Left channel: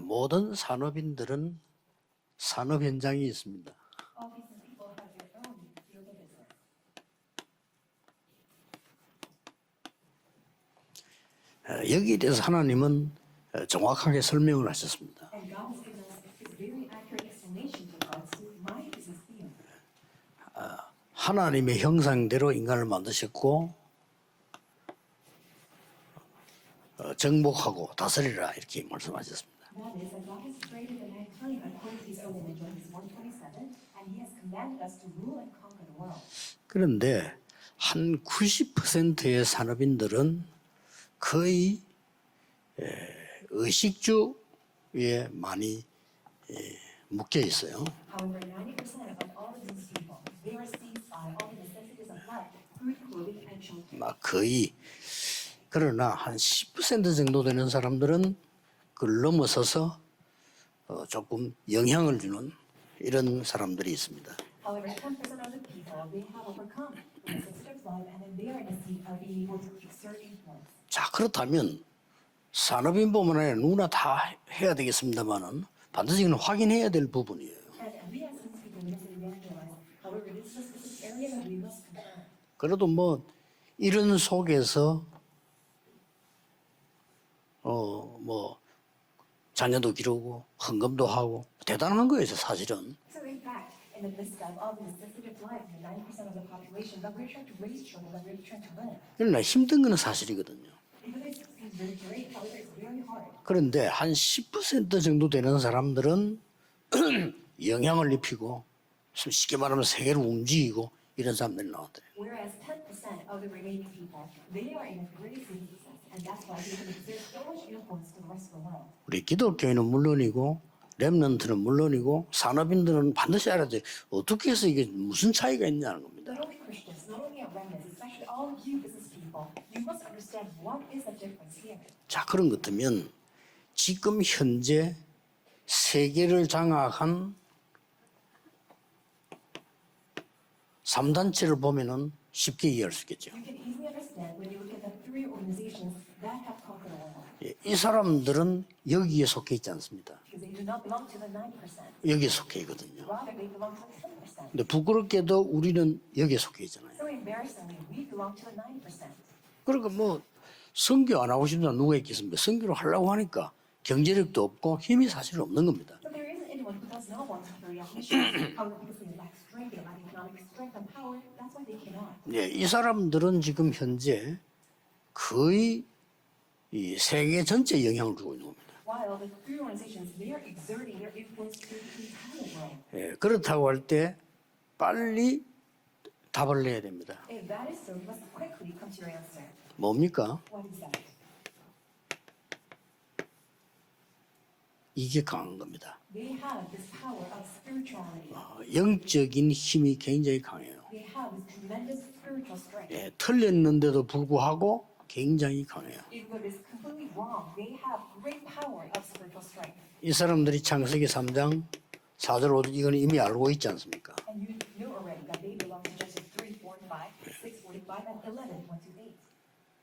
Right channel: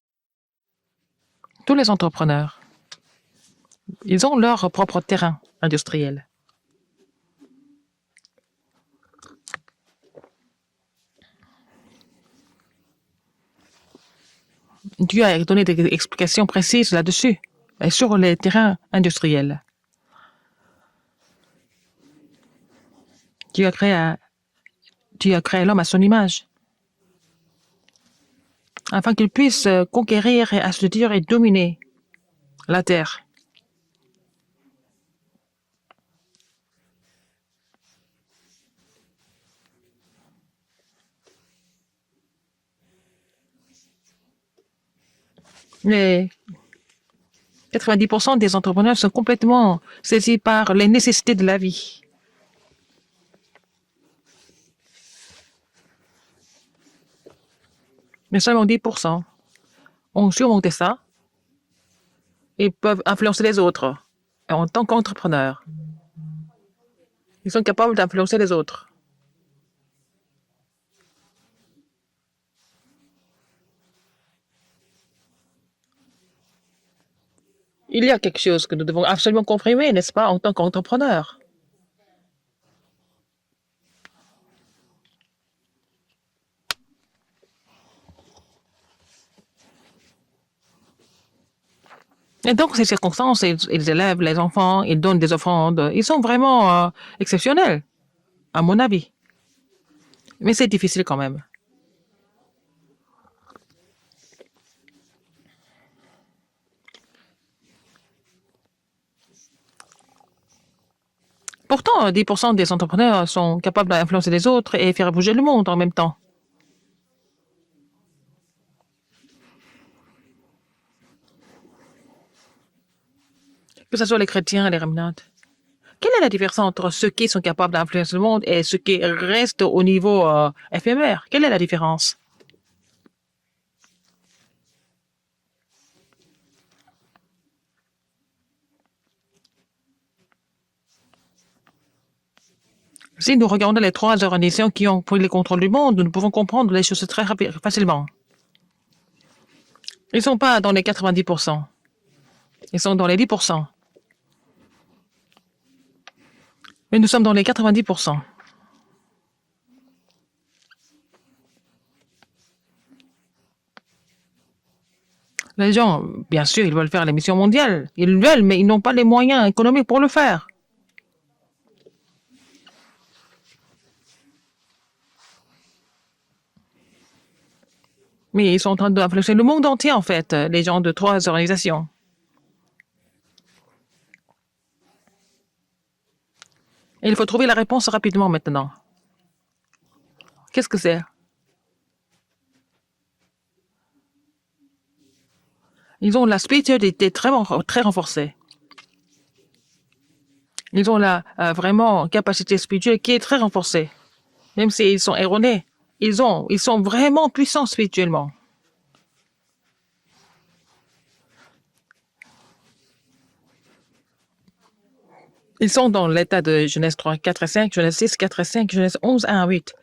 모든 산업인들은 Tous les entrepreneurs, 산업 현장이 있습니다. ils ont leur propre terrain industriel. 여기에 대해서 하나님은 정확하게 설명을 하셨습니다. Dieu a donné des explications précises là-dessus, et sur les terrains industriels. 하나님의 형상대로 인간을 만드셨고 Dieu a créé l'homme à son image, 정복하고 다스리라 이렇게 afin qu'il puisse conquérir et assujettir et dominer la terre. 그런데 한 90%의 산업인들은 거의 의식주에 많이 Les 묶여 있어요. 90% des entrepreneurs sont complètement saisis par les nécessités de la vie. 막 거의 그러나 한 10% 정도 되는 사람들은 Mais seulement 그걸 10% 넘어서서 ont surmonté ça 조금 영향을 주는 et peuvent 이런 influencer les 사람들이 autres. 있습니다. En tant qu'entrepreneurs, ils sont capables d'influencer les autres. 자 그렇다면 산업인뿐만 아니라 누구나 다 해야 되겠습니다만은 반드시 이건 확인해야 될 부분이에요. Il y a quelque chose que nous devons absolument confirmer, n'est-ce pas, en tant qu'entrepreneurs. 그래도 뭐 이런 속에서 뭐 자녀도 기르고 헌금도 하고 대단한 거예요. Et donc, ces 사실은. circonstances, ils élèvent les enfants, ils donnent des offrandes. Ils sont vraiment exceptionnels, à mon avis. 그러나 힘든 거는 사실이거든요. Mais c'est difficile quand même. 그런데 한 10% 정도 되는 사람들은 영향을 입히고 쉽게 말하면 세계를 움직이고 이런 사람들. Pourtant, 10% des entrepreneurs sont capables d'influencer les autres et faire bouger le monde en même temps. 우리 기독교인은 물론이고 렘넌트는 물론이고 산업인들은 반드시 알아야 돼요. Que ce soit les chrétiens et les remnants. 무슨 차이가 있냐는 Quelle est la différence entre ceux qui sont capables d'influencer le monde et ceux qui restent au niveau éphémère? Quelle est la différence? 자 그런 것 같으면 지금 현재 세계를 장악한 3단체를 보면은 쉽게 이해할 수 있겠죠. Si nous regardons les trois organisations qui ont pris le contrôle du monde, nous pouvons comprendre les choses très 이 facilement. 사람들은 여기에 속해 있지 않습니다. Ils ne sont pas dans les 90%, 여기에 속해 있거든요. ils sont dans les 10%. 근데 부끄럽게도 우리는 여기에 속해 있잖아요. Mais nous sommes dans les 90%. 그러니까 뭐 선교 안 하고 싶나 누가 있겠습니까? 선교를 하려고 하니까 경제력도 없고 힘이 사실 없는 Les 거죠. gens, bien sûr, ils veulent faire les missions mondiales. Ils veulent, mais ils n'ont pas les moyens économiques pour le faire. 예, 이 사람들은 지금 현재 거의 이 세계 전체에 영향을 주고 있어요. Mais ils sont en train d'influencer le monde entier, en fait, les gens de trois organisations. 예, 그렇다고 할 때 빨리 답을 내야 됩니다. Et il faut trouver la réponse rapidement maintenant. 뭡니까? Qu'est-ce que c'est? 이게 강한 겁니다. Ils ont la spiritualité très renforcée. 영적인 힘이 굉장히 강해요. Ils ont la vraiment capacité spirituelle qui est très renforcée. 틀렸는데도 불구하고 Même s'ils sont erronés, 굉장히 강해요. ils sont vraiment puissants spirituellement. 이 사람들이 창세기 3장 4절 5절 이건 이미 알고 있지 않습니까? Ils sont dans l'état de Genèse 3, 4 et 5, Genèse 6, 4 et 5, Genèse 11, 1 à 8.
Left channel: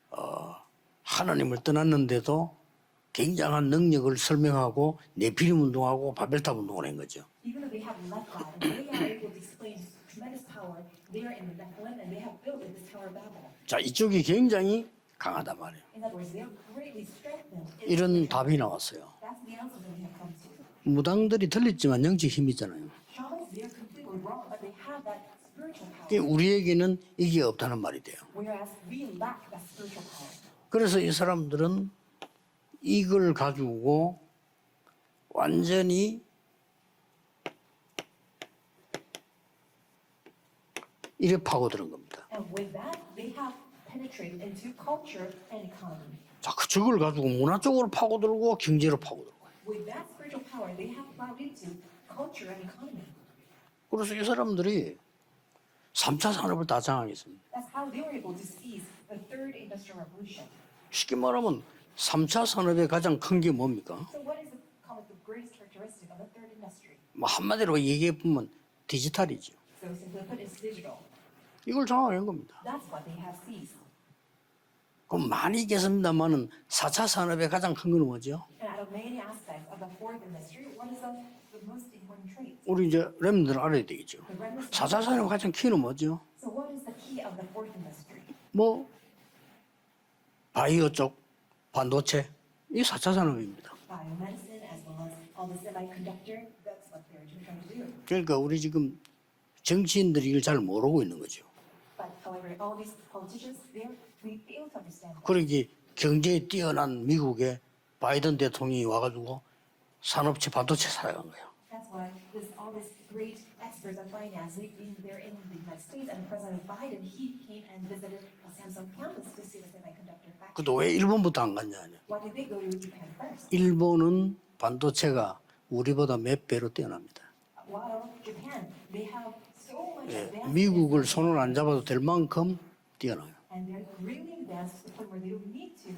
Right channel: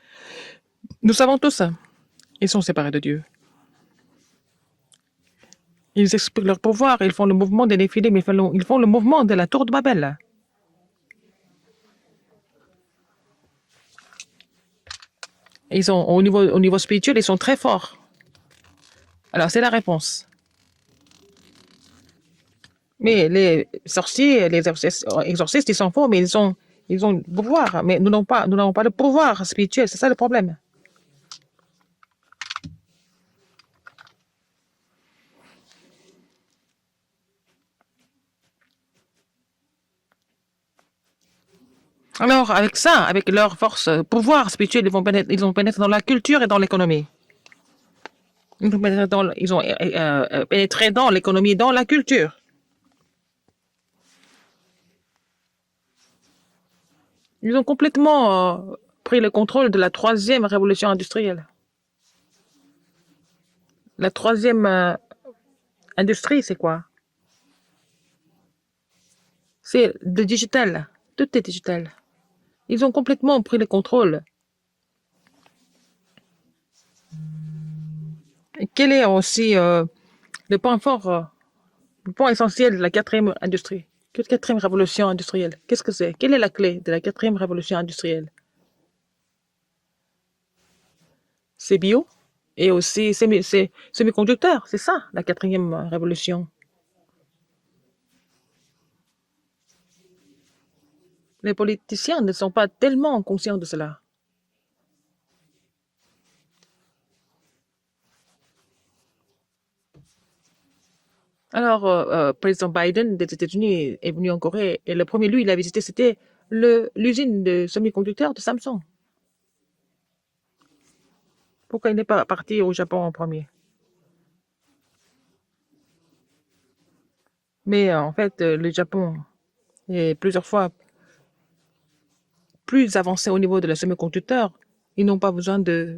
Nous savons 하나님을 tous ça. 떠났는데도 Ils sont séparés de Dieu. 굉장한 능력을 설명하고 네피림 운동하고 Ils expliquent leur pouvoir, ils font le mouvement des Néphilim, ils font le mouvement de la tour de Babel. 자 이쪽이 굉장히 강하다 말이에요. Ils sont au niveau spirituel, ils sont très forts. 이런 답이 나왔어요. Alors c'est la réponse. 무당들이 틀렸지만 영적 힘이 있잖아요. Mais les sorciers, les exorcistes, ils sont forts, mais ils ont le pouvoir. Mais nous n'avons pas le pouvoir spirituel, c'est ça le problème. 그래서 이 사람들은 이걸 가지고 완전히 이래 파고드는 겁니다. Alors avec ça, avec leur force, pouvoir spirituel, ils ont pénétré dans la culture et dans l'économie. 그걸 가지고 문화 쪽으로 파고들고 Ils ont pénétré dans l'économie, dans la culture. 그래서 이 사람들이 3차 산업을 다 장악했습니다. Ils ont complètement pris le contrôle de la troisième révolution 쉽게 industrielle. 말하면 3차 산업의 가장 큰 게 뭡니까? La troisième industrie, c'est quoi? 뭐 한마디로 얘기해 보면 디지털이죠. C'est le digital. Tout est digital. 그걸 장악한 겁니다. Ils ont complètement pris le contrôle. 그럼 많이 있겠습니다만은 4차 산업의 가장 큰 건 뭐죠? Et quel est aussi le point fort, le point essentiel de la quatrième 여러분들 알아야 industrie, 되겠죠. quatrième 4차 révolution 산업의 가장 industrielle? 키는 Qu'est-ce que c'est? 뭐죠? Quelle est la clé de la quatrième révolution industrielle? 뭐 바이오 쪽 C'est bio 반도체 et 이게 aussi 4차 산업입니다. c'est semi-conducteur. C'est ça, la quatrième révolution. 그러니까 우리 지금 정치인들이 이걸 잘 모르고 있는 거죠. Les politiciens ne sont pas tellement conscients de cela. 그러기 경제에 뛰어난 미국의 바이든 대통령이 와가지고 산업체 반도체 사용한 거예요. Alors, président Biden des États-Unis est venu en Corée et le premier lieu il a visité, c'était l'usine de semi-conducteurs de Samsung. 그도 왜 일본부터 안 갔냐? Pourquoi il n'est pas parti au Japon en premier? 일본은 반도체가 우리보다 몇 배로 뛰어납니다. Mais en fait, le Japon est plusieurs fois 미국을 손을 안 잡아도 될 만큼 plus avancé au niveau de la semi-conducteur. Ils n'ont pas besoin de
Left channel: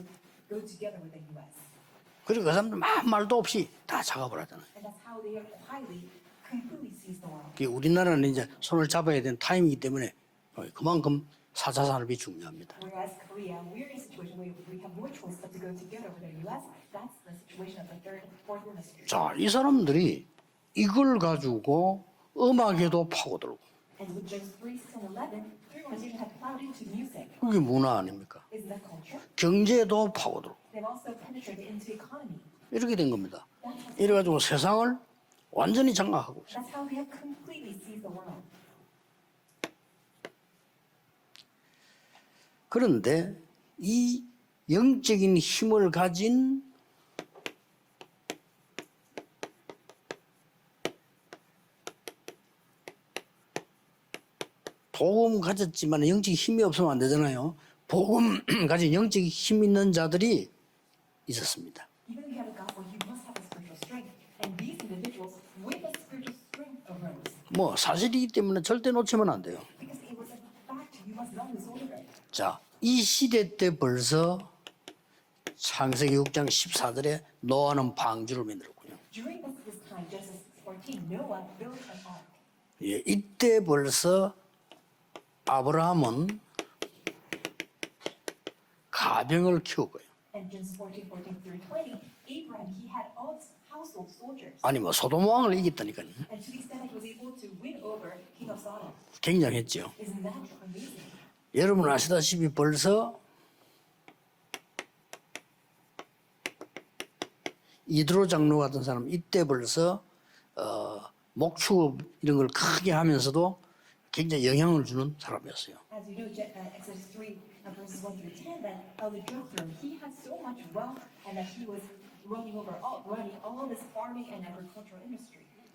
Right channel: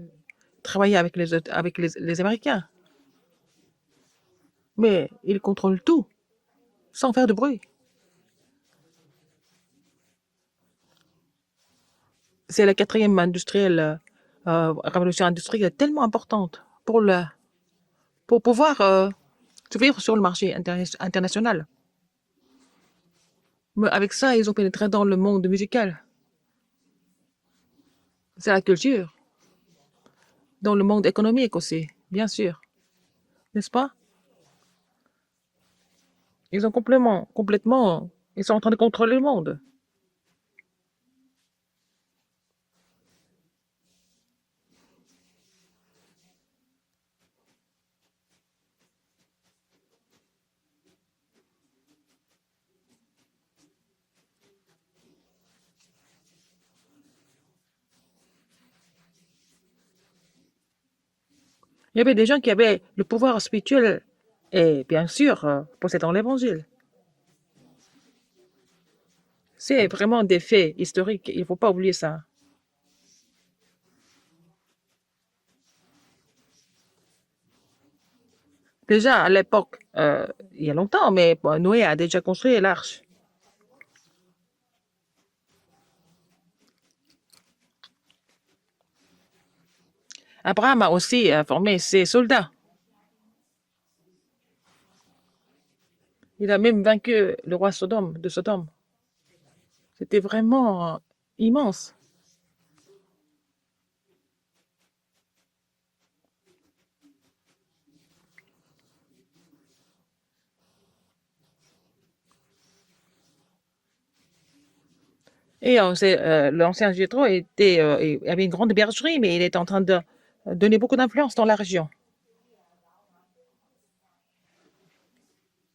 travailler avec les 그 Américains. 사람들 막 말도 없이 다 작업을 하잖아요. Mais ils contrôlent tout sans faire de bruit. 그게 우리나라는 이제 손을 잡아야 되는 타임이기 때문에 그만큼 4차 산업이 중요해요. C'est la quatrième révolution industrielle tellement importante pour pouvoir 자, 이 subir 사람들이 sur le marché 이걸 international. 가지고 음악에도 파고들고 Mais avec ça, ils ont pénétré dans le monde musical. 그게 문화 아닙니까? C'est la culture. 경제에도 파고들고 Dans le monde économique aussi, bien sûr. 이렇게 된 겁니다. N'est-ce pas? 이래가지고 세상을 완전히 장악하고 있어요. Ils ont complètement, ils sont en train de contrôler le monde. 그런데 이 영적인 힘을 가진 복음 가졌지만 영적 힘이 없으면 안 되잖아요. 복음 가진 영적 힘 있는 자들이 있었습니다. Il y avait des gens qui avaient le pouvoir spirituel et bien sûr possédant l'évangile. 뭐 사실이기 때문에 절대 놓치면 안 돼요. C'est vraiment des faits historiques. Il ne faut pas oublier ça. 자, 이 시대 때 벌써 창세기 6장 14절에 노아는 방주를 만들었고 Déjà à l'époque, il y a longtemps, mais Noé a déjà construit l'arche. 예, 이때 벌써 아브라함은 가병을 키우고요. Abraham a aussi formé ses soldats. 아니 뭐 소돔 왕을 이겼다니까요. Il a même vaincu le roi de Sodome. 굉장했죠. C'était vraiment immense. 여러분 아시다시피 벌써 이드로 장로 같은 사람 이때 벌써 목축업 이런 걸 크게 하면서도 굉장히 영향을 주는 사람이었어요. Et l'ancien Jétro avait une grande bergerie, mais il était en train de donner beaucoup d'influence dans la région.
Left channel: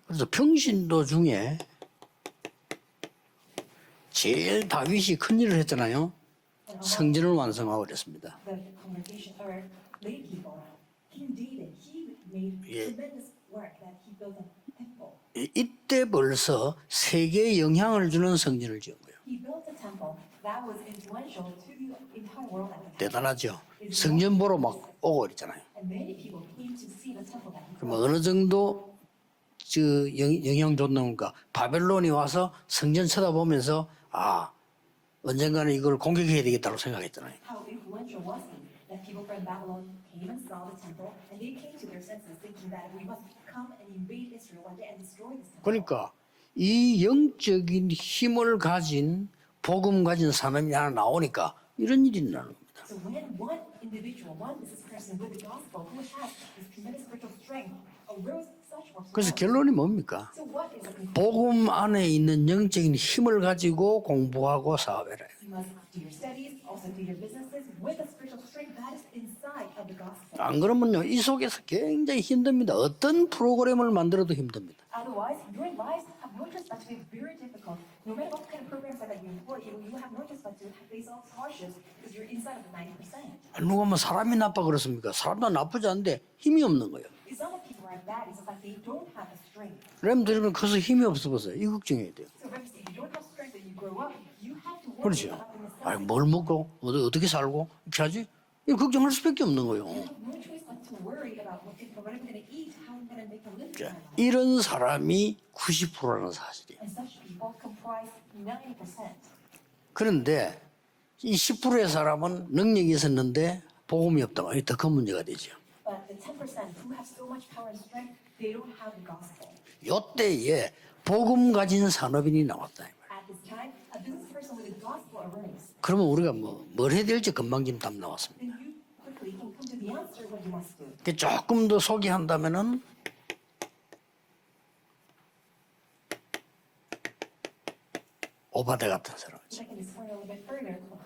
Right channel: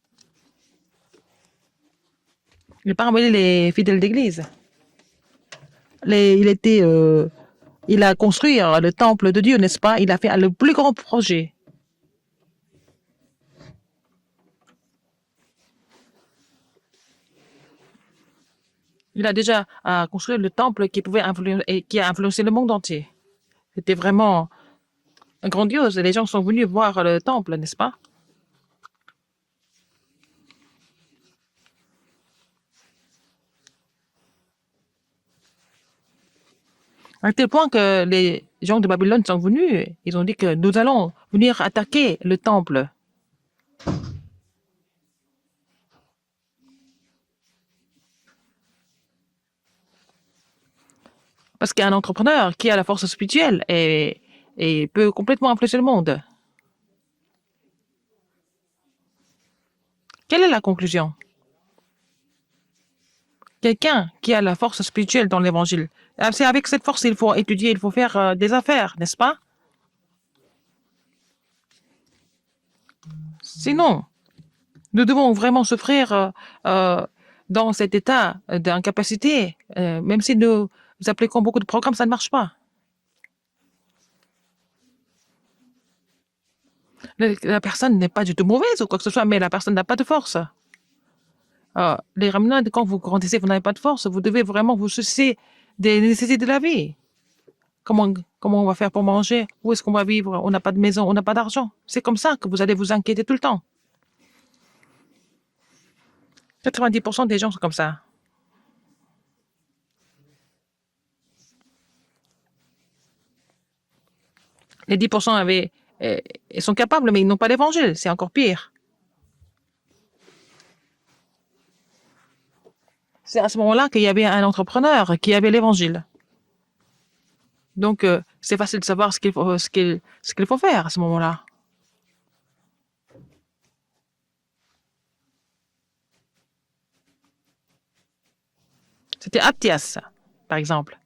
그래서 평신도 중에 Il parmi les fidèles d'église. 제일 다윗이 큰 일을 했잖아요. Il 완성하고 a construit le temple de Dieu, n'est-ce pas? Il a fait le plus grand projet. 이때 벌써 세계에 영향을 주는 성전을 지은 거예요. Il a déjà construit le temple qui a influencé le monde entier. 대단하죠. C'était 성전 vraiment 보러 막 오고 있잖아요. grandiose. Les gens sont venus voir le temple, n'est-ce pas? 어느 정도 영향 줬는가? 바벨론이 와서 성전 쳐다보면서 언젠가는 이걸 공격해야 되겠다고 생각했다. À tel point que les gens de Babylone sont venus, ils ont dit que nous allons venir attaquer le temple. 그러니까 이 영적인 힘을 가진 복음 가진 사람이 하나 나오니까 Parce qu'il y a un entrepreneur qui a la force spirituelle et peut complètement influencer le monde. 그래서 결론이 뭡니까? Quelle est la conclusion? 복음 안에 있는 영적인 힘을 가지고 Quelqu'un qui a la 공부하고 force 살아요. spirituelle dans l'évangile. C'est avec cette force qu'il faut étudier, il faut faire des affaires, n'est-ce pas? 안 그러면요 이 속에서 굉장히 힘듭니다. 어떤 프로그램을 Sinon, 만들어도 힘듭니다. Nous devons vraiment souffrir dans cet état d'incapacité. Même si nous appliquons beaucoup de programmes, ça ne marche pas. 누가 뭐 사람이 나빠 그렇습니까? 사람도 나쁘지 않은데 힘이 없는 거예요. La personne n'est pas du tout mauvaise ou quoi que ce soit, mais la personne n'a pas de force. 여러분들은 커서 힘이 없어 보세요. 이 걱정이에요. Les ramenants, quand vous grandissez, vous n'avez pas de force, vous devez vraiment vous soucier des nécessités de la vie. 어떻게 살고? Comment on va faire pour 걱정할 manger? 수밖에 없는 Où est-ce qu'on va vivre? On n'a pas de maison, on n'a pas d'argent. C'est comme ça que vous allez vous inquiéter tout le temps. 거예요. 이런 사람이 90%라는 사실. 90% des gens sont comme ça. 그런데 이 10%의 사람은 능력이 있었는데 복음이 없다. 더큰 Les 문제가 10% avaient, ils sont capables, mais ils n'ont pas l'évangile. C'est encore pire. 이때에 복음 가진 산업인이 나왔다. C'est à ce moment-là qu'il y avait un entrepreneur qui avait l'évangile. 그러면 우리가 뭘 해야 될지 금방 좀 Donc, 나왔습니다. c'est facile de savoir ce qu'il faut faire à ce moment-là. 조금 더 소개한다면은 오바데 같은 C'était Aptias, par exemple.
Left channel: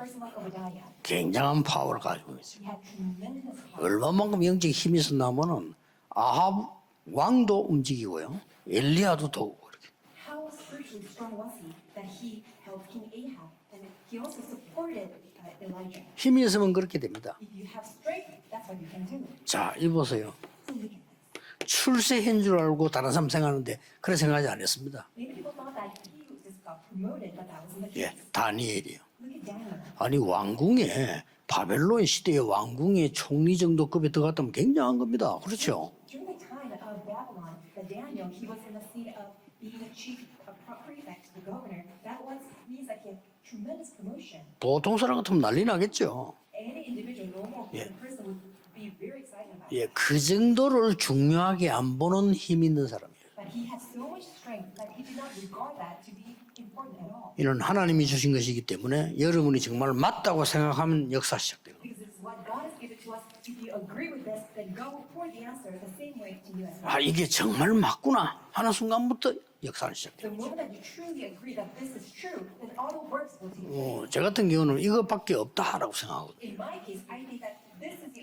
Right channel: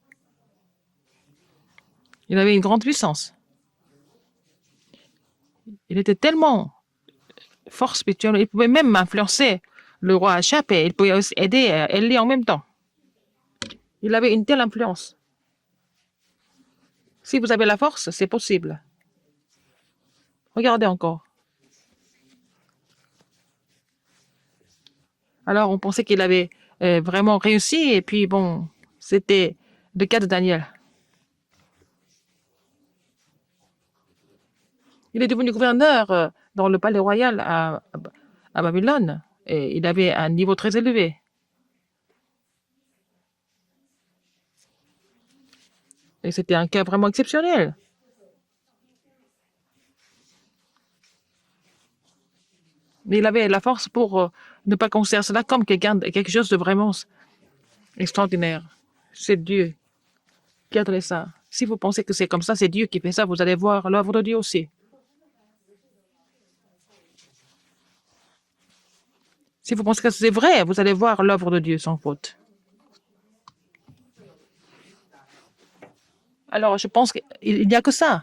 굉장한 파워를 가지고 Il avait une grande puissance. 얼마만큼 영적 힘이 있었냐면은 Il était tellement 왕도 fort 움직이고 spirituel. Il pouvait même influencer le roi Achab et il pouvait aussi aider Élie en même temps. Il avait une telle influence. 힘이 있으면 그렇게 됩니다. Si vous avez la force, c'est possible. 자, 이 보세요. Regardez encore. 출세한 줄 알고 다른 사람 생각하는데 그런 생각하지 않았습니다. Alors, on pensait qu'il avait vraiment réussi et puis bon, c'était le cas de Daniel. 왕궁에 바벨론 시대의 왕궁의 총리 정도 급에 들어갔다면 굉장한 겁니다. Il est devenu 그렇죠? gouverneur dans le palais royal à Babylone et il avait un niveau très élevé. 보통 사람 같으면 난리 나겠죠. Et c'était un cas vraiment exceptionnel. 예, 그 정도를 중요하게 안 보는 힘 있는 사람. Mais il avait la force pour ne pas considérer cela comme quelque chose de vraiment 이는 하나님이 주신 extraordinaire. 것이기 때문에 C'est 여러분이 Dieu. 정말 맞다고 생각하는 Gardez ça. 역사시죠. Si vous pensez que c'est comme ça, c'est Dieu qui fait ça, vous allez voir l'œuvre de Dieu aussi. 아, 이게 정말 맞구나 하는 순간부터 Si vous pensez que c'est vrai, vous allez voir l'œuvre de Dieu sans faute. 저 같은 경우는 이것밖에 없다라고 생각하거든요. Alors, je pense qu'il n'y a que ça.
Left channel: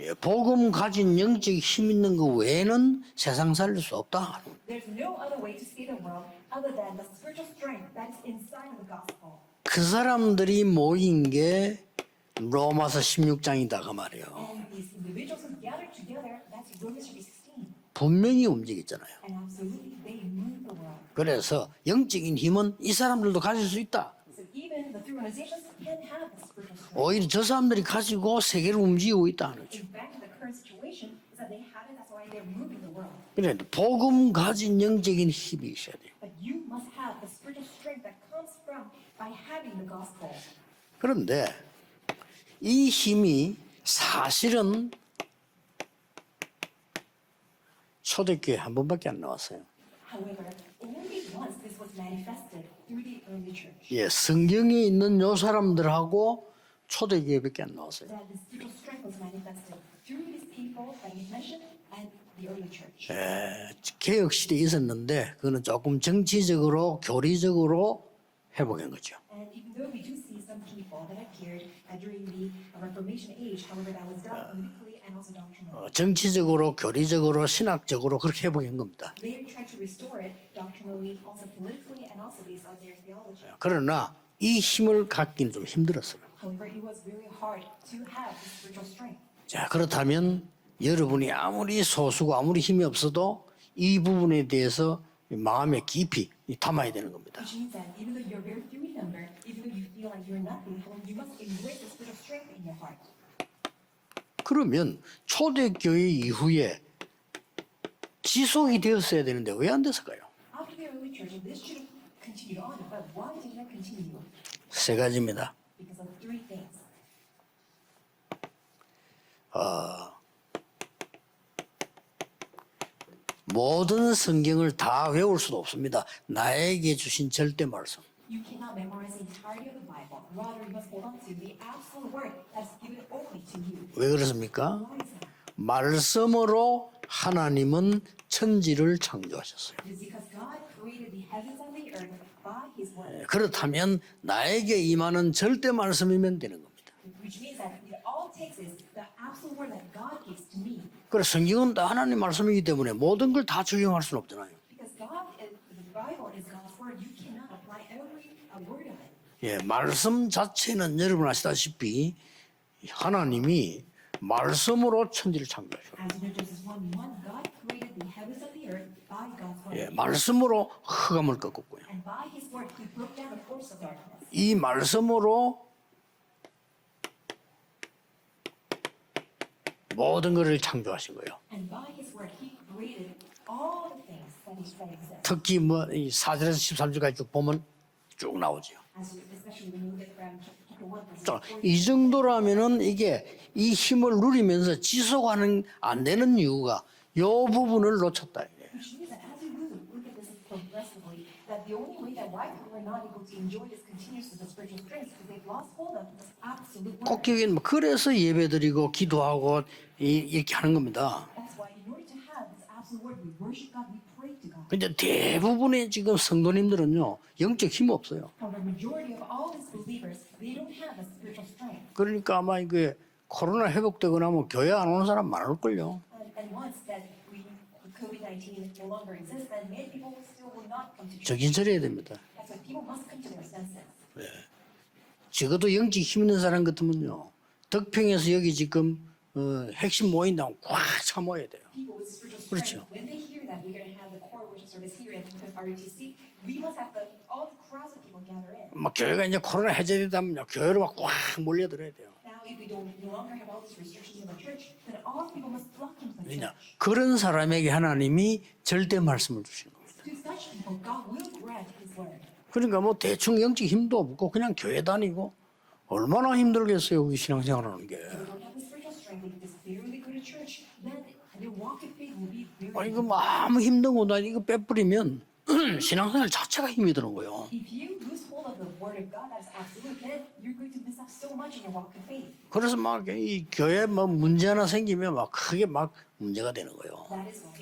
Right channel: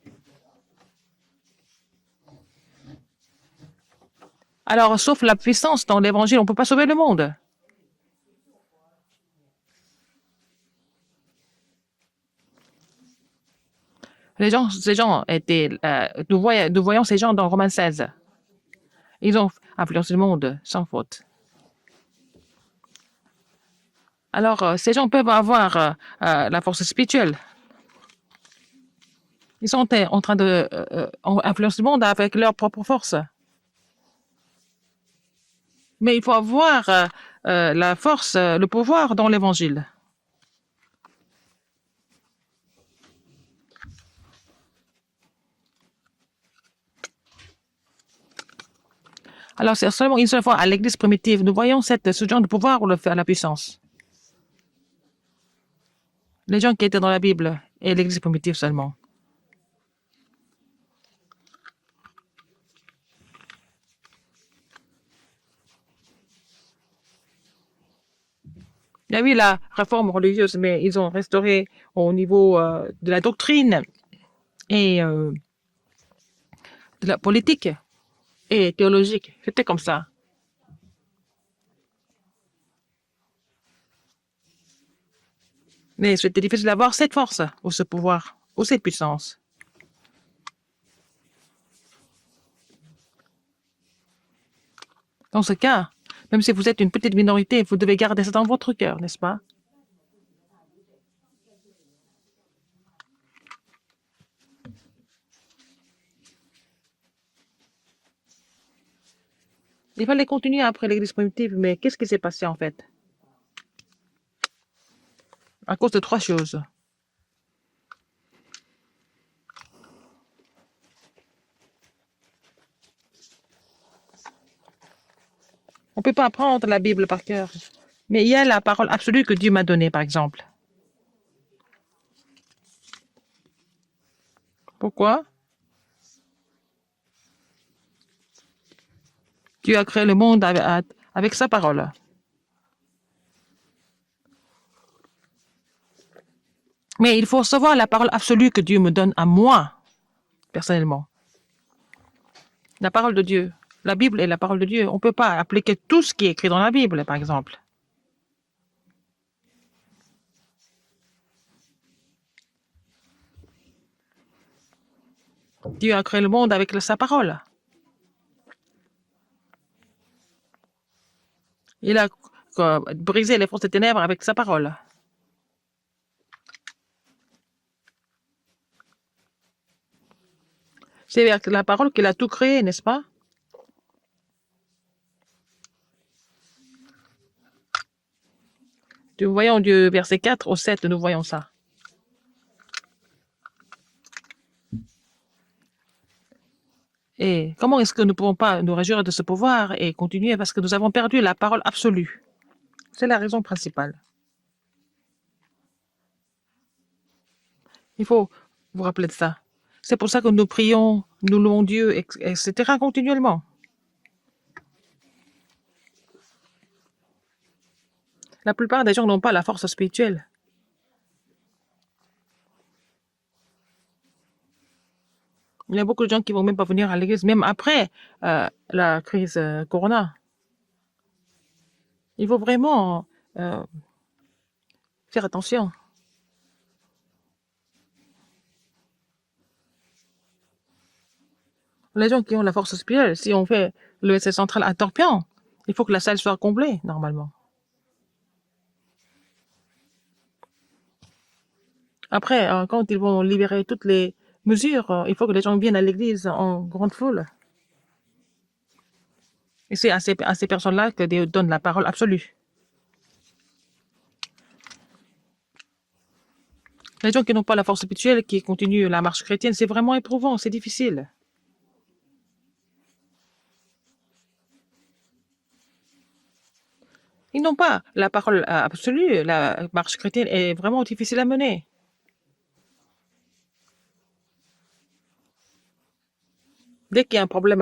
예, 복음 가진 영적 힘 있는 거 외에는 세상 살릴 수 없다. Alors, sauf la puissance dans l'évangile, on ne peut pas sauver le monde. 그 사람들이 모인 게 로마서 16장이다 그 말이에요. Ces gens étaient, nous voyons ces gens dans Romains 16. 분명히 움직였잖아요. Ils ont influencé le monde sans faute. 그래서 영적인 힘은 이 사람들도 가질 수 있다. Alors, ces gens peuvent avoir la force 오히려 spirituelle. 저 사람들이 가지고 세계를 움직이고 있다. Ils sont en train d'influencer le monde avec leur propre force. 그래 복음 가진 영적인 힘이 있어요. Mais il faut avoir la force, le pouvoir dans l'évangile. 그런데 이 힘이 사실은 초대교회 한 번밖에 안 나왔어요. Alors, c'est seulement une seule fois à l'église primitive, nous voyons ce genre de pouvoir ou la puissance. 예, 성경에 있는 요 사람들하고 Les gens qui étaient dans la Bible 초대교회밖에 안 et 나왔어요. l'église primitive seulement. 개혁 시대에 있었는데 그거는 조금 정치적으로 교리적으로 회복한 거죠. Il y a eu la réforme religieuse, mais ils ont restauré au niveau de la doctrine et 정치적으로 교리적으로 politique 신학적으로 그렇게 et 회복한 거죠. théologique. C'était comme ça. 그러나 이 힘을 갖기는 좀 힘들어요. Mais c'était difficile d'avoir cette force ou ce pouvoir ou cette puissance. 자, 그렇다면 여러분이 아무리 소수고 아무리 힘이 없어도 이 부분에 대해서 Dans ce 마음에 cas, 깊이 même si vous êtes 담아야 une petite minorité, vous devez garder ça dans votre cœur, n'est-ce pas? 그러면 초대교회 이후에 지속이 되었어야 되는데 왜 안 됐어요? Il fallait continuer après l'église primitive, mais qu'est-ce qui s'est passé en fait? 세 가지입니다. À cause de trois choses. 모든 성경을 다 외울 수도 없습니다. On ne peut pas apprendre la 나에게 Bible par 주신 cœur. 절대 말씀. Mais il y a la parole absolue que Dieu m'a donnée, par exemple. 왜 그렇습니까? Pourquoi? 말씀으로 하나님은 천지를 창조하셨어요. Dieu a créé le monde avec sa parole. 그렇다면 나에게 임하는 절대 말씀이면 되는 겁니다. Mais il faut savoir la parole absolue que Dieu me donne à moi, personnellement. 그래 성경은 다 하나님 말씀이기 때문에 La parole de 모든 Dieu. 걸다 La 적용할 수 Bible est la 없다. parole de Dieu. On ne peut pas appliquer tout ce qui est écrit dans la Bible, par exemple. 예, 말씀 자체는 여러분 아시다시피 하나님이 말씀으로 천지를 창조했어요. Dieu a créé le monde avec sa parole. 예, 말씀으로 흑암을 꺾었고요. Il a brisé les forces des ténèbres avec sa 이 parole. 말씀으로 모든 것을 창조하시고 C'est avec la parole qu'il a tout créé, n'est-ce pas? 특히 뭐이 4절에서 13절까지 쭉 보면 쭉 나오죠. Nous voyons du verset 4 au 7, nous voyons ça. 이 정도라면은 이게 이 힘을 누리면서 지속하는 안 되는 이유가 이 Et comment est-ce que 부분을 nous ne pouvons 놓쳤다. pas nous réjouir de ce pouvoir et continuer parce que nous avons perdu la parole absolue. C'est la raison principale. 꼭 기억해. Il 그래서 faut vous 예배드리고 rappeler de ça. 기도하고 C'est pour ça que nous 이렇게 하는 prions, 겁니다. nous louons Dieu, etc. continuellement. 근데 대부분의 지금 성도님들은요 영적 힘 없어요. La plupart des gens n'ont pas la force spirituelle. 그러니까 아마 이게 코로나 회복되고 나면 교회 안 오는 사람 많을 Il y a 걸요. beaucoup de gens qui vont même pas venir à l'église, même après la crise Corona. 정신 차려야 됩니다. Il faut vraiment faire attention. 적어도 영적 힘 있는 사람 같으면요 덕평에서 여기 지금 핵심 모인다고 꽉 참아야 돼요. Les gens qui ont la force spirituelle, si on fait le SL central à Torpion, il faut que la salle soit comblée, normalement. 막 교회가 이제 코로나 해제되다면요 교회로 막 꽉 몰려들어야 돼요. Après, quand ils vont libérer toutes les mesures, il faut que les gens viennent à l'église en grande 그런 foule. 사람에게 하나님이 절대 말씀을 주시는. Et c'est à ces personnes-là que Dieu donne la parole absolue. 그러니까 뭐 대충 영적 힘도 없고 그냥 교회 다니고 얼마나 힘들겠어요. Les gens qui n'ont pas la 신앙생활. force spirituelle, qui continuent la marche chrétienne, c'est vraiment éprouvant, c'est difficile. 이거 뭐 아무 힘든 것도 아니고 이거 빼버리면 신앙생활 자체가 힘이 드는 거예요. Ils n'ont pas la parole absolue, la marche chrétienne est vraiment difficile à mener. 그래서 막 이 교회 뭐 문제 하나 생기면 막 크게 막 문제가 되는 거예요. Dès qu'il y a un problème,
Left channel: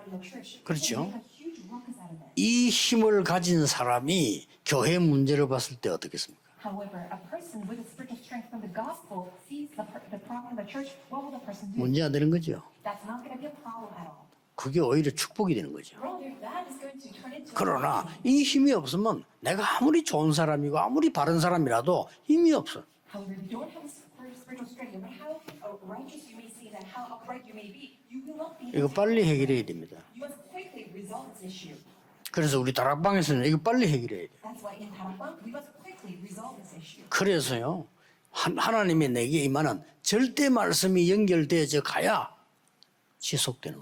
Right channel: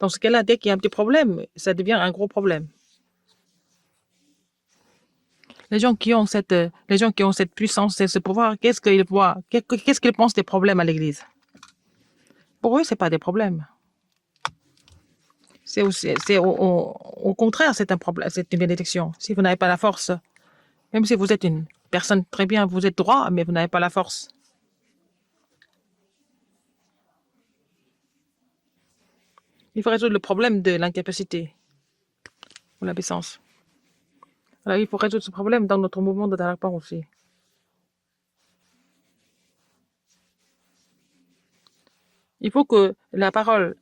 dans ce cas-là, dès qu'il y a un petit problème, ça devient un gros problème. 이 힘을 가진 사람이 교회 문제를 봤을 Les 때 gens qui ont cette puissance et ce pouvoir, qu'est-ce qu'ils voient? Qu'est-ce qu'ils pensent des problèmes à l'église? 문제가 되는 거죠. Pour eux, c'est pas des problèmes. 그게 오히려 축복이 되는 C'est 거예요. au contraire, c'est un problème, 이 c'est une 힘이 bénédiction. 없으면 Si vous n'avez pas la 내가 아무리 force, 좋은 사람이고 même 아무리 si vous 다른 êtes une 사람이라도 personne très 힘이 bien, 없어. vous êtes droit, mais vous n'avez pas la force. 이거 빨리 해결해야 돼. Il faut résoudre le problème de l'incapacité. 그래서 우리 다락방에서는 이거 빨리 해결해야 돼. Alors, il faut résoudre ce problème dans notre mouvement de Darakpang aussi. 그래서요 하나님의 내게 임하는 절대 말씀이 연결되어져 가야 Il faut que la parole,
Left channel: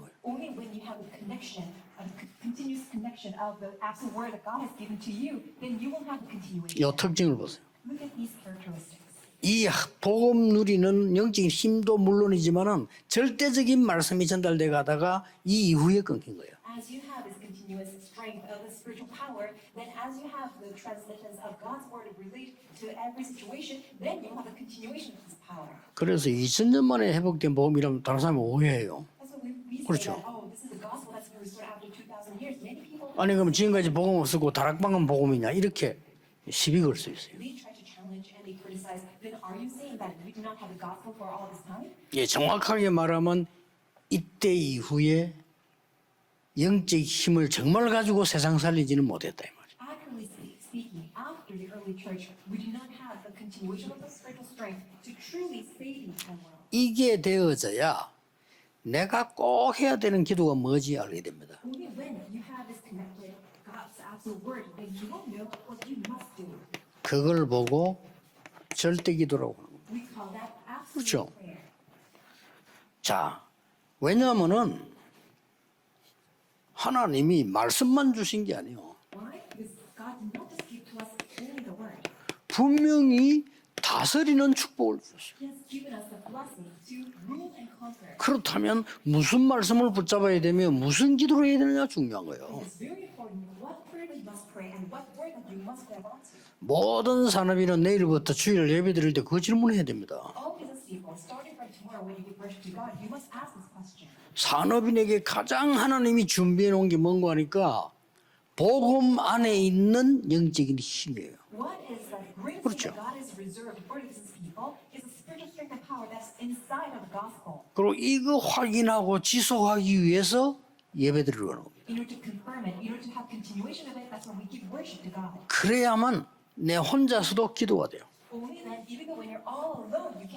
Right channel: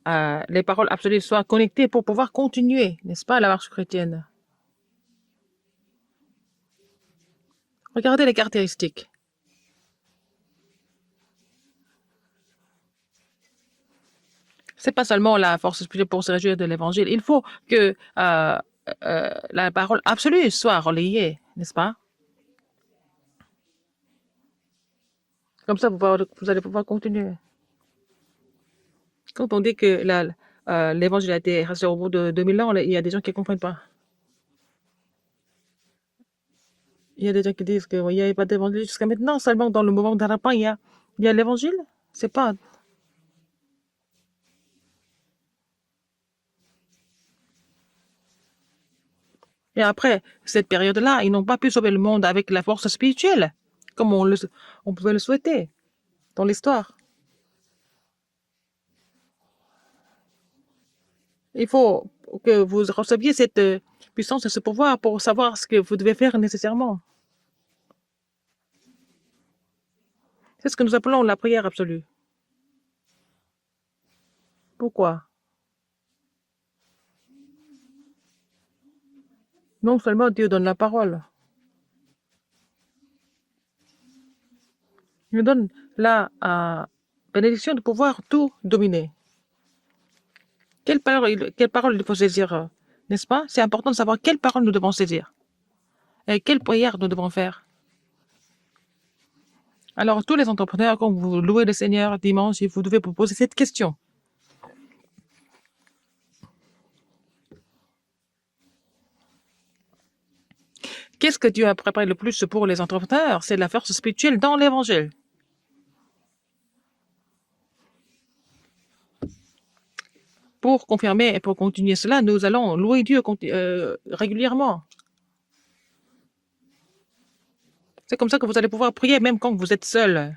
les paroles absolues soient connectées pour pouvoir continuer, n'est-ce pas, la marche chrétienne. 이 특징을 보세요. Regardez les caractéristiques. 이 복음 누리는 영적인 힘도 물론이지만은 절대적인 말씀이 전달돼 C'est pas 가다가 seulement la 이 force 이후에 spirituelle pour se réjouir de l'évangile. Il faut que la parole absolue soit relayée, n'est-ce pas? Comme ça, vous 그래서 allez pouvoir 2000년 만에 continuer. 회복된 복음이라면 다른 사람이 오해해요. Quand on dit que l'évangile a été resté au bout de 2000 ans, il y a des gens qui 아니 ne 그럼 comprennent pas. 지금까지 복음 없었고 다락방은 복음이냐 이렇게 시비 걸 수 Il 있어요. y a des gens qui disent qu'il n'y avait pas d'évangile jusqu'à maintenant. Seulement dans le mouvement d'Arapin, il y a l'évangile. 예, C'est pas. 정확하게 말하면 이때 이후에 영적 힘을 정말 가지고 세상 살리지는 못했다 이 말이에요. Et après cette période-là, ils n'ont pas pu sauver le monde avec la force spirituelle, comme on pouvait le souhaiter dans l'histoire. 이게 되어져야 내가 꼭 해야 되는 기도가 뭐지 알게 됩니다. Il faut que vous receviez cette puissance et ce pouvoir pour savoir ce que vous devez faire nécessairement. 그걸 보고 절대 기도라고 하는 거예요. C'est ce que nous appelons la prière absolue. 자, 왜냐하면은 Pourquoi? 하나님이 말씀만 주신 게 아니에요. Non seulement Dieu donne la parole, 분명히 다스리는 축복을 줬어요. il nous donne la bénédiction de pouvoir tout 그렇다면 dominer. 무슨 말씀을 붙잡아야 되며 Quelle 무슨 parole, quelle parole il faut 기도를 saisir, n'est-ce pas? C'est important de savoir quelle parole nous devons saisir et quelle prière nous 모든 devons faire. 사람이는 내일부터 주일 예배 드릴 때 그 질문을 해야 됩니다. Alors, tous les entrepreneurs, quand vous louez le Seigneur dimanche, vous devez vous poser cette question. 산업인에게 가장 하나님이 준비해 놓은 게 뭔가 하니까 복음 안에 있는 영적인 힘이에요. Qu'est-ce que Dieu a préparé le plus pour les entrepreneurs? C'est la force spirituelle dans l'évangile. 그리고 이거 확인하고 지속하기 위해서 Pour confirmer et pour continuer cela, nous allons louer Dieu régulièrement. 그래야만 내 혼자서도 기도가 돼요. C'est comme ça que vous allez pouvoir prier même quand vous êtes seul.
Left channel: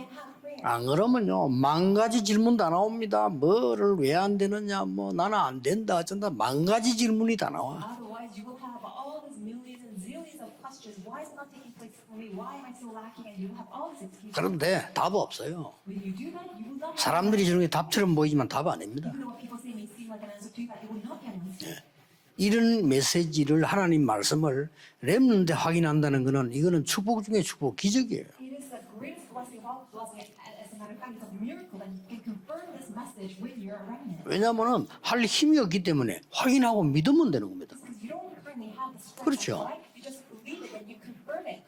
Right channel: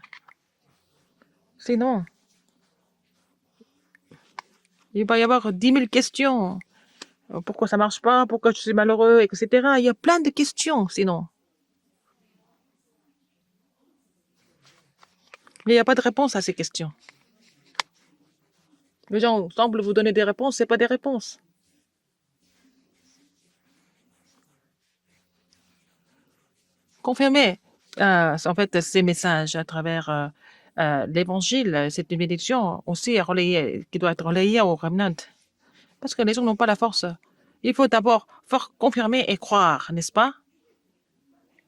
안 그러면요 만 가지 질문 다 나옵니다. 뭐를 왜 안 되느냐, Il 뭐 va y avoir 나는 안 10 000 된다, questions. 만 가지 질문이 다 Pourquoi ça 나와. marche pas? Pourquoi je suis malheureux, etc. Il y a plein de questions sinon. 그런데 답 없어요. Mais il n'y a pas de réponse à ces questions. 사람들이 저런 게 답처럼 보이지만 답 아닙니다. Les gens semblent vous donner des réponses, ce pas des réponses. 이런 메시지를 하나님 말씀을 렘넌트에 확인한다는 거는 이거는 축복의 Confirmer 축복, 기적이에요. en fait ces messages à travers l'évangile, c'est une bénédiction aussi relayée, qui doit être relayée au 왜냐하면 remnant. 할 힘이 없기 Parce 때문에 que les gens n'ont pas la 확인하고 force. 믿으면 되는 겁니다. Il faut d'abord confirmer et 그렇죠. croire, n'est-ce pas?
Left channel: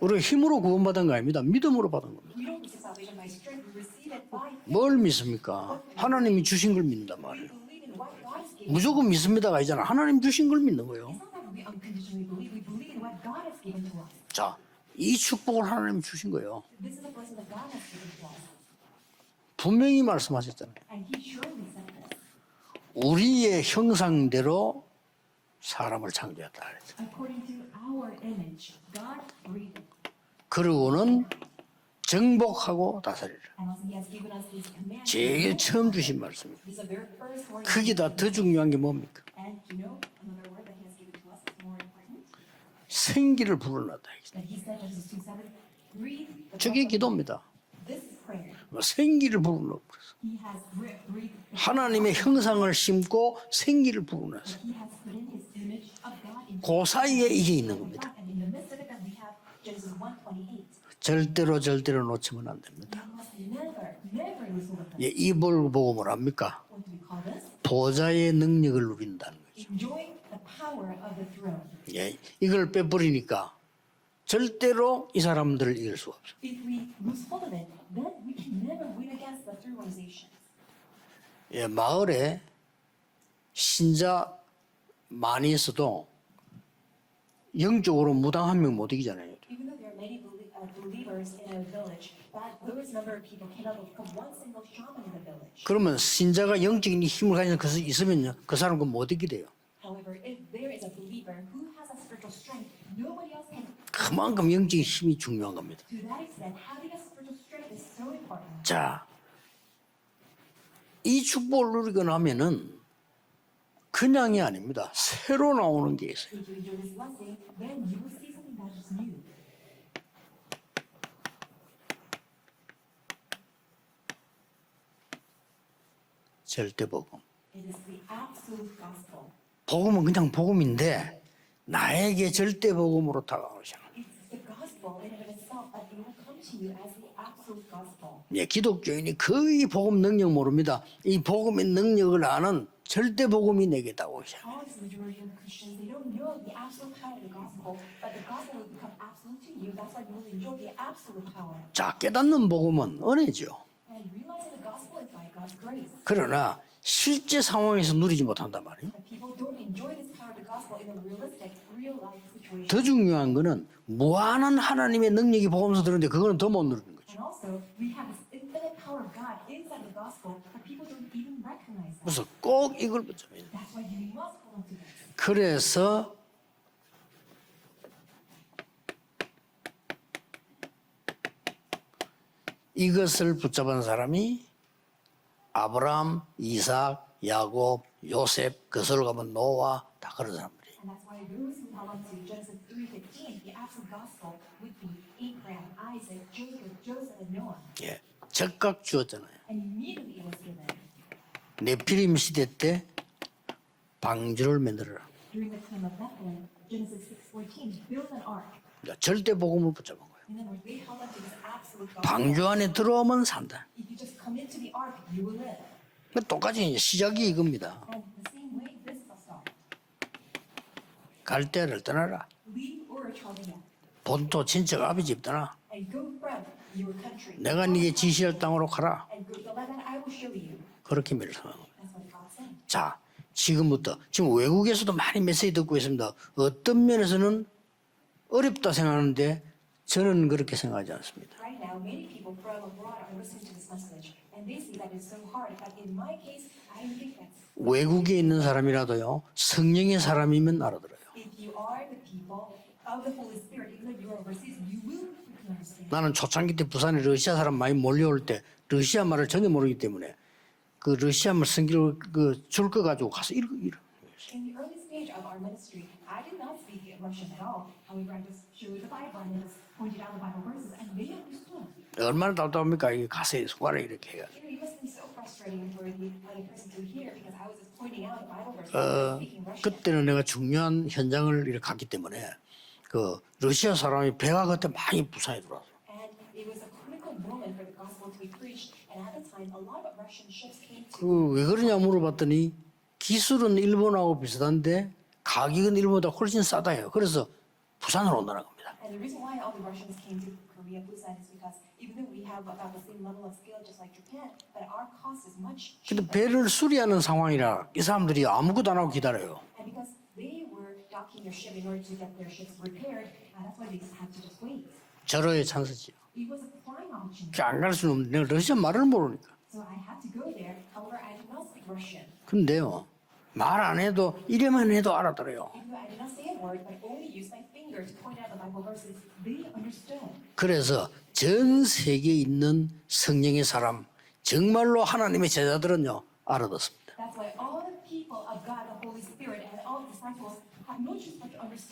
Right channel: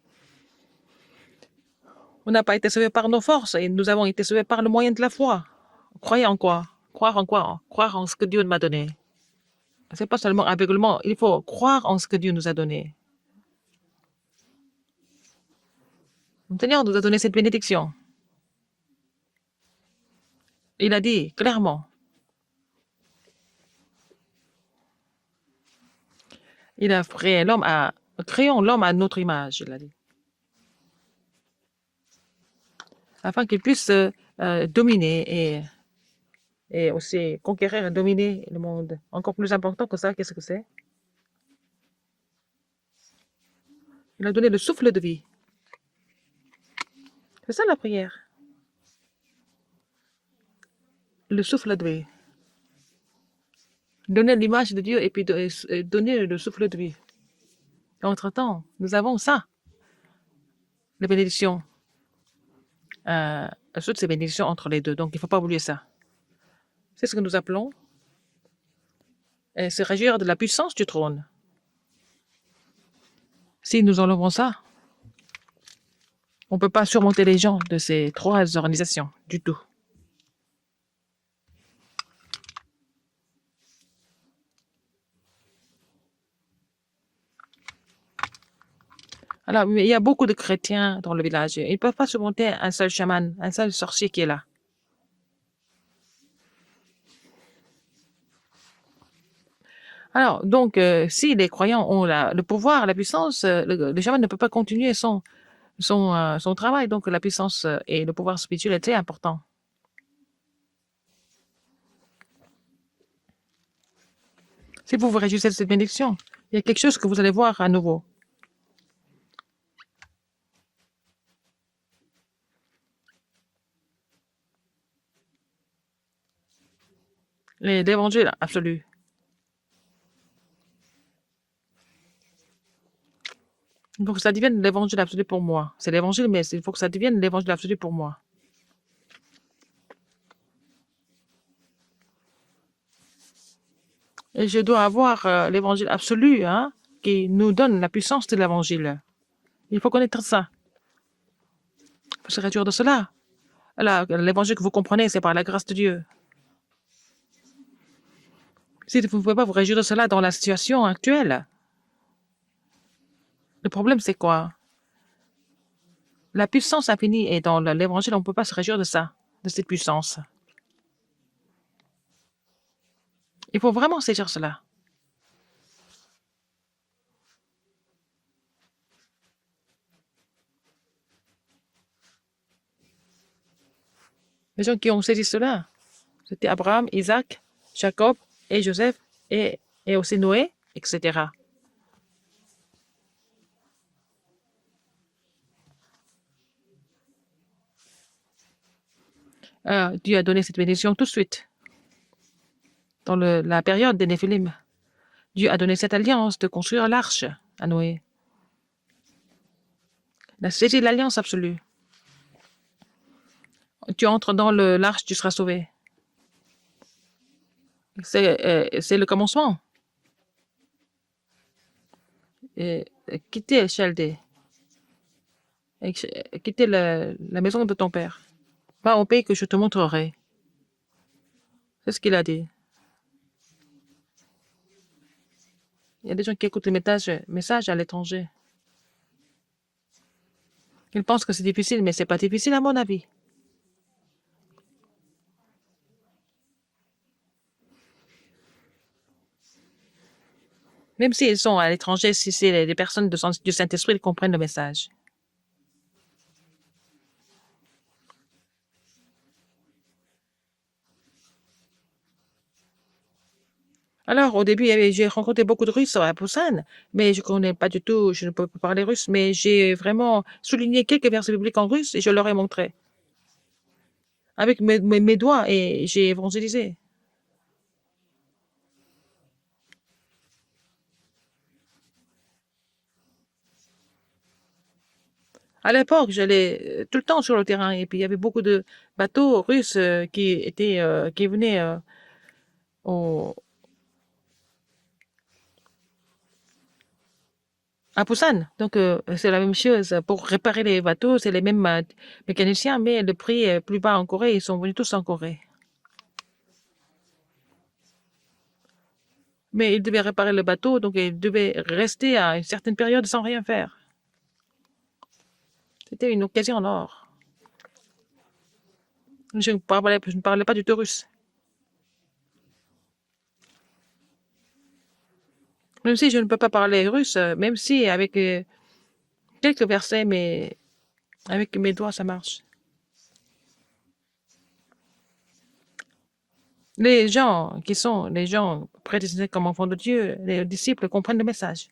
우리가 힘으로 구원받은 거 아닙니다. 믿음으로 받은 겁니다. On n'a pas été sauvés par nos forces et nous avons été sauvés par le moyen 뭘 de la foi. 믿습니까? Croyez en 하나님이 quoi? 주신 걸 Croire en 믿는다. quoi? Croire en ce que Dieu m'a donné. 무조건 믿습니다가 아니잖아. C'est 하나님 pas 주신 seulement 걸 aveuglement, 믿는 il faut croire en ce que Dieu nous a donné. 자, 이 축복을 하나님 주신 거예요. Le Seigneur nous a donné cette bénédiction. 분명히 말씀하셨잖아요. Il a dit clairement, 우리의 형상대로 사람을 창조했다. il a créé créons l'homme à notre image, il a dit, 그러고는 정복하고 다스려. afin qu'il puisse dominer 제일 처음 주신 말씀이에요. et aussi conquérir et 크기보다 더 dominer. 중요한 게 뭡니까? Encore plus important que ça, qu'est-ce que c'est? 생기를 불어넣다. Il a donné le souffle de vie. 저게 기도입니다. C'est ça la prière, 생기를 불어넣고 le souffle de vie. 하나님의 형상을 심고 생기를 Donner 불어넣고 l'image de Dieu et puis donner le souffle de 그 vie. 사이에 이게 있는 겁니다. Entre-temps, nous avons ça, les bénédictions. 절대로 놓치면 안 됩니다. Toutes ces bénédictions entre les deux. Donc, il ne 이 faut pas oublier 뭘 ça. 보고 뭐랍니까? C'est ce que nous appelons 보좌의 능력을 누린다는 거예요. se réjouir de la puissance du trône. 예, 이걸 빼버리니까 Si nous enlevons ça, 절대로 이 사람들을 이길 수가 없어요. on ne peut pas surmonter les gens de ces trois organisations du tout. 예, 마을에 신자 많이 있어도 영적으로 무당 한 명 못 이기잖아요. Alors, mais il y a beaucoup de chrétiens dans le village. Ils ne peuvent pas surmonter un seul chaman, un seul sorcier qui est là. 그러면 신자가 영적인 힘을 가진 것이 있으면요, 그 사람은 못 이기돼요. Alors, donc, si les croyants ont le pouvoir, la puissance, le chaman ne peut pas 그만큼 continuer 영적인 힘이 중요한 겁니다. son travail. Donc, la puissance et le pouvoir spirituel est important. 이 축복을 누리고 나면은 그냥이 아닙니다. Si vous vous réjouissez de cette 새로 나오는 게 bénédiction, 있어요. il y a quelque chose que vous allez voir à nouveau. 절대 복음. L'évangile absolu. 복음은 그냥 복음인데 나에게 절대 복음으로 다가오시는. Il faut que ça devienne l'évangile absolu pour moi. C'est l'évangile, mais il faut que ça devienne l'évangile absolu pour moi. 예, 기독교인이 거의 복음 능력 모릅니다. 이 복음의 능력을 아는 절대 복음이 내게 다가오시는. Et je dois avoir l'évangile absolu hein, qui nous donne la puissance de l'évangile. Il faut connaître ça. 자, 깨닫는 Serait-il de cela? 복음은 은혜죠. L'évangile que vous comprenez, c'est par la grâce de Dieu. 그러나 실제 상황에서 누리지 못한단 말이에요. Si vous ne pouvez pas vous réjouir de cela dans la situation actuelle, 더 중요한 거는 Le problème, c'est quoi? 무한한 하나님의 능력이 복음서 들었는데 그거는 la 더 못. puissance infinie est dans l'évangile, on ne peut pas se réjouir de ça, de cette puissance. 그래서 꼭 이걸 붙잡아야 돼요. Il faut vraiment saisir cela. 그래서 이것을 붙잡은 사람이 Les gens qui ont saisi cela, 아브라함, c'était Abraham, Isaac, 야곱, Jacob 요셉, et Joseph, 그들로 가면 et, 노아, et aussi Noé, etc. Genesis 3:15, the absolute gospel would be Abraham, Isaac, Jacob, Joseph, and Noah. 예, 즉각 주었잖아요. Dieu a donné cette bénédiction tout de suite. 네피림 시대 때 Dans la période des Néphilim, 방주를 만들어라. Dieu a donné cette alliance de construire l'arche à Noé. 절대 복음을 붙잡은 거예요. Il a saisi l'alliance absolue. 방주 안에 들어오면 산다. Tu entres dans l'arche, tu seras sauvé. 똑같이 이제 시작이 이겁니다. C'est le commencement. 갈대를 떠나라. Quitter Chaldée, 본토 친척 아버지 집 떠나. quitter la maison 내가 de ton 네 père. 지시할 땅으로 Va 가라. au pays que je te montrerai. 그렇게 말씀하고. C'est ce qu'il a dit. 자, 지금부터 지금 외국에서도 많이 메시지 듣고 있습니다. Il y a des gens qui écoutent le 어떤 면에서는 message à l'étranger. 어렵다 생각하는데 저는 그렇게 생각하지 Ils 않습니다. pensent que c'est difficile, mais c'est pas difficile à mon avis. Listen to this message, and they see that it's so hard. But in my case, I don't think that's 외국에 있는 사람이라도요, 성령의 사람이면 알아들어요. Même s'ils sont à l'étranger, si c'est des personnes du Saint-Esprit, ils comprennent le message. 나는 초창기 때 부산에 러시아 사람 많이 몰려올 때 러시아 말을 전혀 모르기 때문에 그 러시아 말 성기를 줄 거 가지고 가서 이러. Alors, au début, j'ai rencontré beaucoup de Russes à Busan, mais je ne connais pas du tout, je ne peux pas parler russe, mais j'ai vraiment souligné quelques versets bibliques en russe et je leur ai montré 답답합니까? 이게 가서 손가락 이렇게 해가. avec mes doigts et j'ai évangélisé. here because I was just pointing out a Bible verse, speaking 그때는 내가 중요한 현장을 이렇게 갔기 때문에 그 러시아 사람이 배가 그때 많이 부상해 들어와. À l'époque, j'allais tout le temps sur le terrain et puis il y avait beaucoup de bateaux russes qui 왜 venaient 그러냐 물어봤더니 au- 기술은 일본하고 비슷한데 가격은 일본보다 훨씬 싸다요. 그래서 à 부산으로 Busan. 오더라고. Donc c'est la même chose. Pour réparer les bateaux, c'est les mêmes mécaniciens, mais le prix est plus bas en Corée. Ils sont venus tous en Corée. 근데 배를 수리하는 상황이라 이 사람들이 아무것도 안 하고 기다려요. Mais ils devaient réparer le bateau, donc ils devaient rester à une certaine période sans rien faire. 절호의 찬스지. C'était une occasion en or. 안 갈 수는 없는데 내가 러시아 말을 모르니까. Je ne parlais pas du tout russe. 근데요 말 안 해도 이래만 해도 알아들어요. Même si je ne peux pas parler russe, même si avec quelques versets, mais 그래서 avec 전 mes doigts, ça 세계에 marche. 있는 성령의 사람 정말로 하나님의 제자들은요 알아듣습니다. Les gens qui sont les gens prédestinés comme enfants de Dieu, les disciples comprennent le message.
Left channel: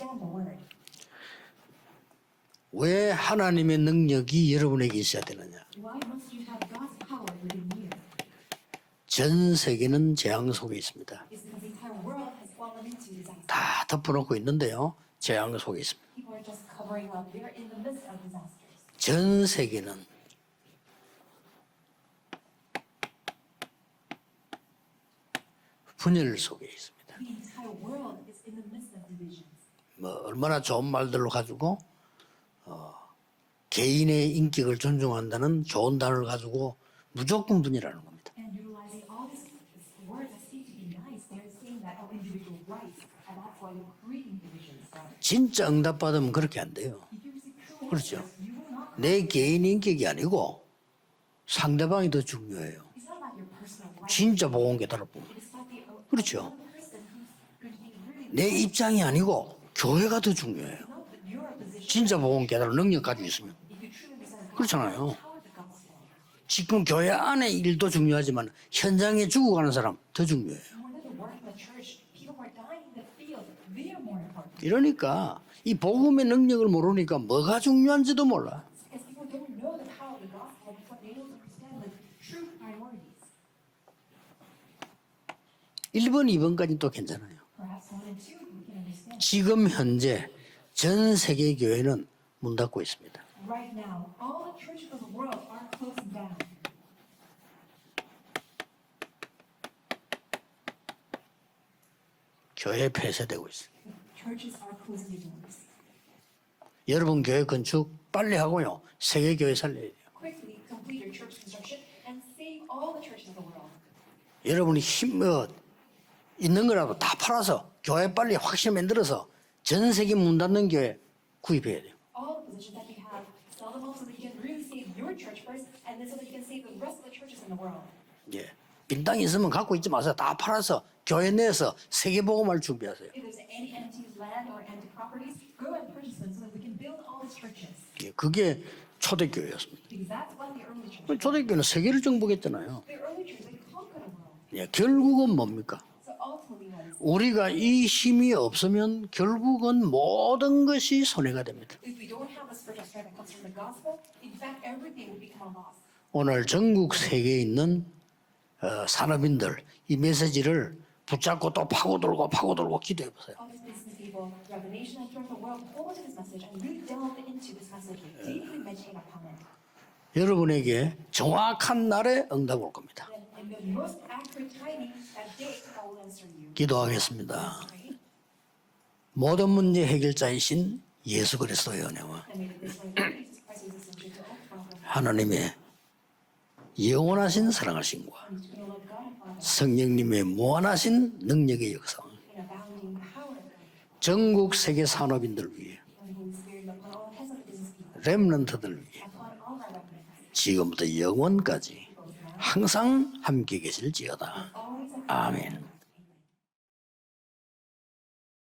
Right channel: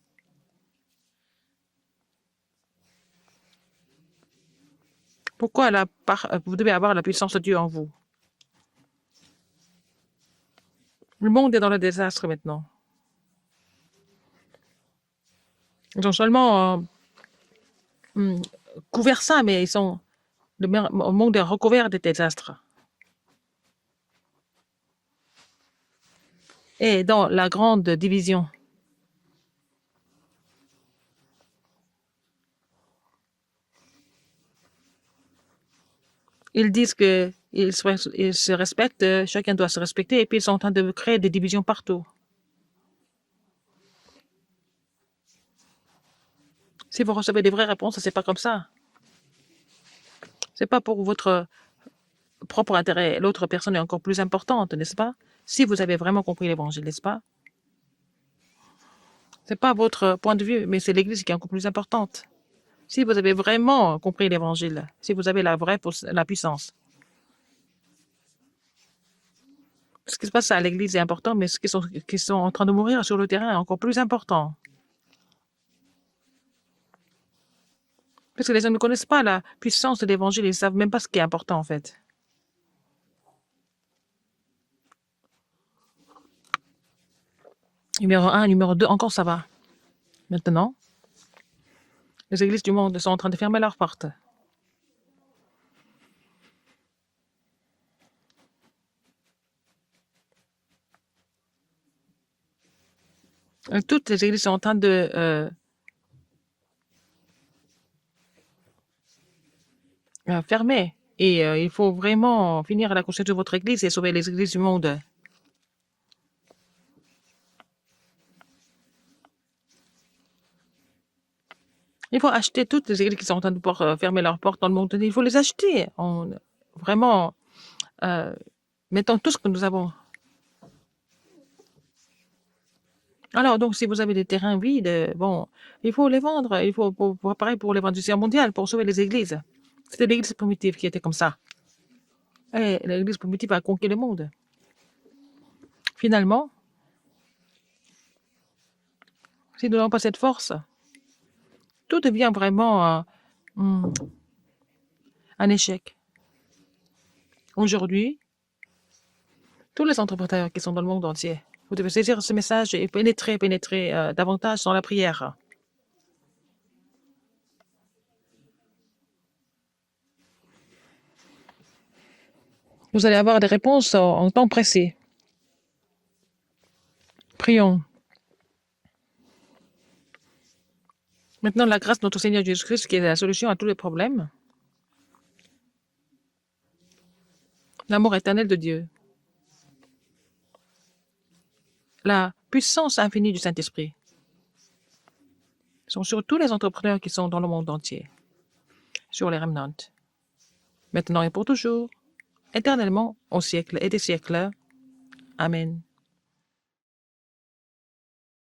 왜 하나님의 능력이 여러분에게 있어야 되나? Pourquoi vous devez avoir la puissance de Dieu en vous? 전 세계는 재앙 속에 있습니다. Le monde est dans le désastre maintenant. 다 덮어놓고 있는데요. 재앙 속에 있습니다. Ils ont seulement couvert ça, mais le monde est recouvert des désastres. 분열 속에 있어요. Et dans la grande division, 뭐 얼마나 좋은 말들로 가지고 개인의 인격을 존중한다는 좋은 단어를 가지고 ils disent que 무조건 ils 분열. se respectent, chacun doit se respecter, et puis ils sont en train de créer des divisions partout. 진짜 응답받으면 그렇게 안 돼요. Si vous recevez des vraies réponses, c'est pas comme ça. 내 개인 인격이 아니고 C'est pas pour votre 상대방이 더 중요해. propre intérêt. L'autre personne est encore plus 진짜 importante, 복음 n'est-ce pas? 깨달았고. Si vous avez vraiment 그렇죠. compris l'évangile, n'est-ce pas? 내 입장이 아니고 C'est pas votre 교회가 더 point de vue, 중요해. mais c'est l'Église qui est encore plus importante. 진짜 복음 깨달은 Si vous avez 능력까지. vraiment compris l'évangile, 그렇잖아요. si vous avez la puissance. 지금 교회 안에 일도 중요하지만 현장에 죽어가는 사람 Ce 더 qui se passe 중요해. à l'Église est important, mais ceux qui sont en train de mourir sur le terrain est encore plus important. 이러니까 이 복음의 능력을 모르니까 뭐가 중요한지도 몰라. Parce que les gens ne connaissent pas la puissance de l'évangile, ils ne savent même pas ce qui est important en fait. 1번, 2번까지 또 괜찮아요. Numéro 1, numéro 2, encore ça va. 지금 현재 Maintenant, 전 세계 교회는 les églises 문 du 닫고 monde 있어요. sont en train de fermer leurs portes. All the churches of the world are closing down. 교회 폐쇄되고 있어요. Toutes les églises sont en train de 여러분 교회 건축 빨리 하고요. 세계 교회 살려야 돼요. fermer. Et il faut vraiment finir la construction de votre église et sauver les églises du 여러분이 monde. 있는 거라도 다 팔아서 교회 빨리 확실히 만들어서 전 세계 문 닫는 교회 구입해야 돼요. Il faut acheter toutes les églises qui sont en train de pouvoir fermer leurs portes dans le monde. Il faut les acheter. Vraiment, mettons 빈땅 tout ce que 있으면 nous 갖고 avons. 있지 마세요. 다 팔아서 교회 내에서 세계 복음을 준비하세요. Alors, donc, si vous avez des terrains vides, bon, il faut les vendre. Il faut pareil pour l'évangile mondial, pour sauver les églises. 초대교회였습니다. C'était l'église primitive qui était comme ça. 초대교회는 세계를 정복했잖아요. Et l'église primitive a conquis le monde. 예, 결국은 뭡니까? Finalement, 우리가 이 힘이 없으면 Si nous 결국은 n'avons pas cette force, 모든 것이 손해가 됩니다. tout devient vraiment un échec. 오늘 전국 세계에 있는 Aujourd'hui, 산업인들 tous les 이 entrepreneurs 메시지를 qui sont dans le monde entier 붙잡고 또 ils doivent saisir 파고들고 ce message et 파고들고 pénétrer davantage dans la prière. Grow into this message and really delve into this message, deeply meditate upon it. 여러분에게 정확한 날에 응답 올 겁니다. Vous allez avoir des réponses en temps pressé. That day God will answer you. 기도하겠습니다. Prions. 모든 문제 해결자이신 예수 Maintenant, la 그리스도 grâce de notre Seigneur Jésus-Christ qui est la solution à tous les problèmes, 하나님의 영원하신 사랑하신 l'amour éternel de Dieu, 성령님의 무한하신 능력의 역사 la puissance infinie du Saint-Esprit 전국 세계 산업인들 위해 sont sur tous les entrepreneurs qui sont dans le monde entier, 렘넌트들 위해 sur les remnants, 지금부터 maintenant et pour 영원까지 toujours, 항상 éternellement, au 함께 siècle et des 계실지어다. siècles. 아멘. Amen.